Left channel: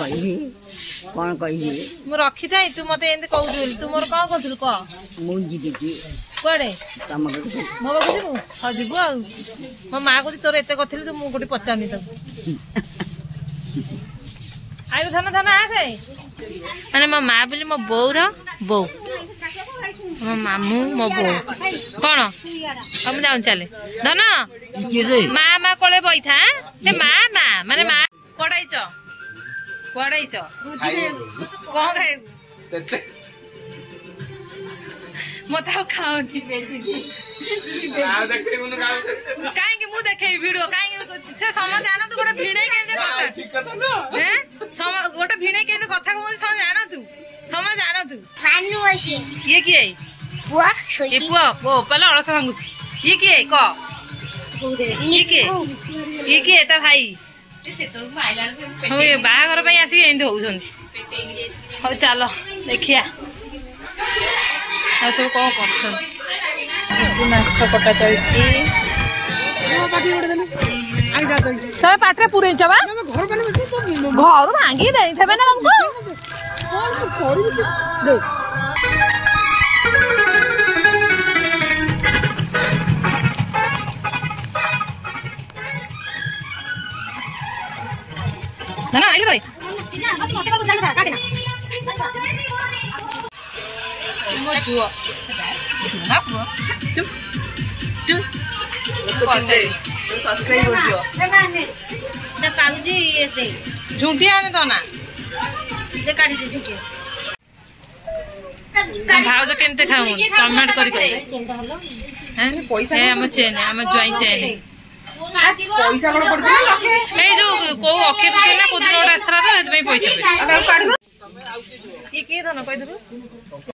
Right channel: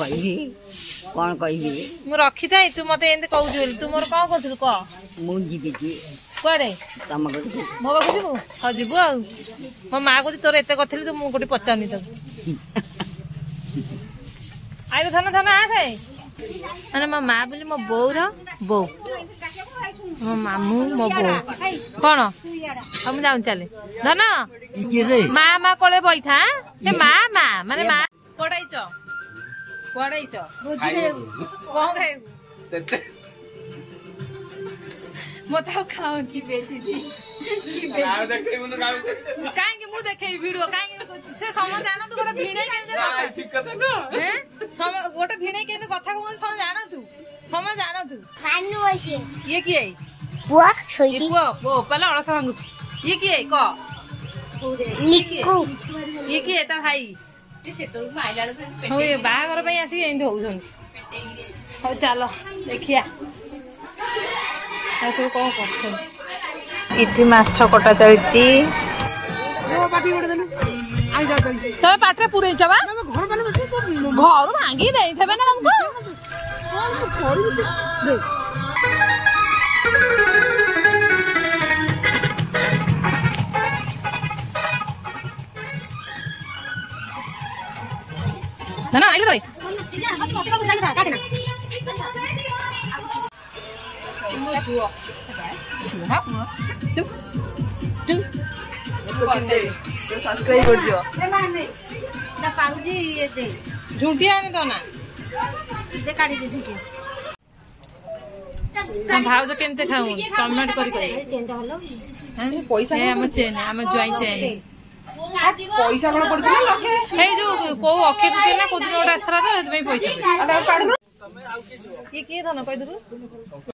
कौन कह मु रखी था तू मत एंद कहू तू मोर कौन कर कह मुझे कड़े मो पाक जीवु हाँ जीवु आ मो माँ को तोर एत कथी तू मुझे पचारनी तक आगे धन धन आसे मैंने मो माँ बोली मो बोर बो मो मामू मो बो कौन हम जाऊँ चले धन माँ माँ कले बही था से माँ माँ माने माँ पढ़ाई कौन खाए मत खाऊनी कहीं मु देखे भिडियो कहीं से समझ जान तू गोटे भिड़े गोटे भिड़े के कथा समझ जान तू समझ जान तू ये किए पुआ पहले अलस भांगुची ये किए ये किए ता भाई बाहागर आसिक एमती हो चल देखिया सब कौन कर माछ कटा चलती सब पाटे पूरे घर भांगी दे ना ना आगे भाई मो झुओ ना पुओ तू तू सब्सक्राइब कर दियो ना पाउजी ये दे झुंटिया आने तो ना दे काटी दे झुंटिया हम भाउज केनते खाऊ कमेंट करी हैं पैसा है हम चेन हम ज्वाई चेन पैसा कोन पड़छ ना लखे ए जो को अखे तो ना कोदिन ओटा आस्त्रा तो एत पैसा ये के धन कहि दरु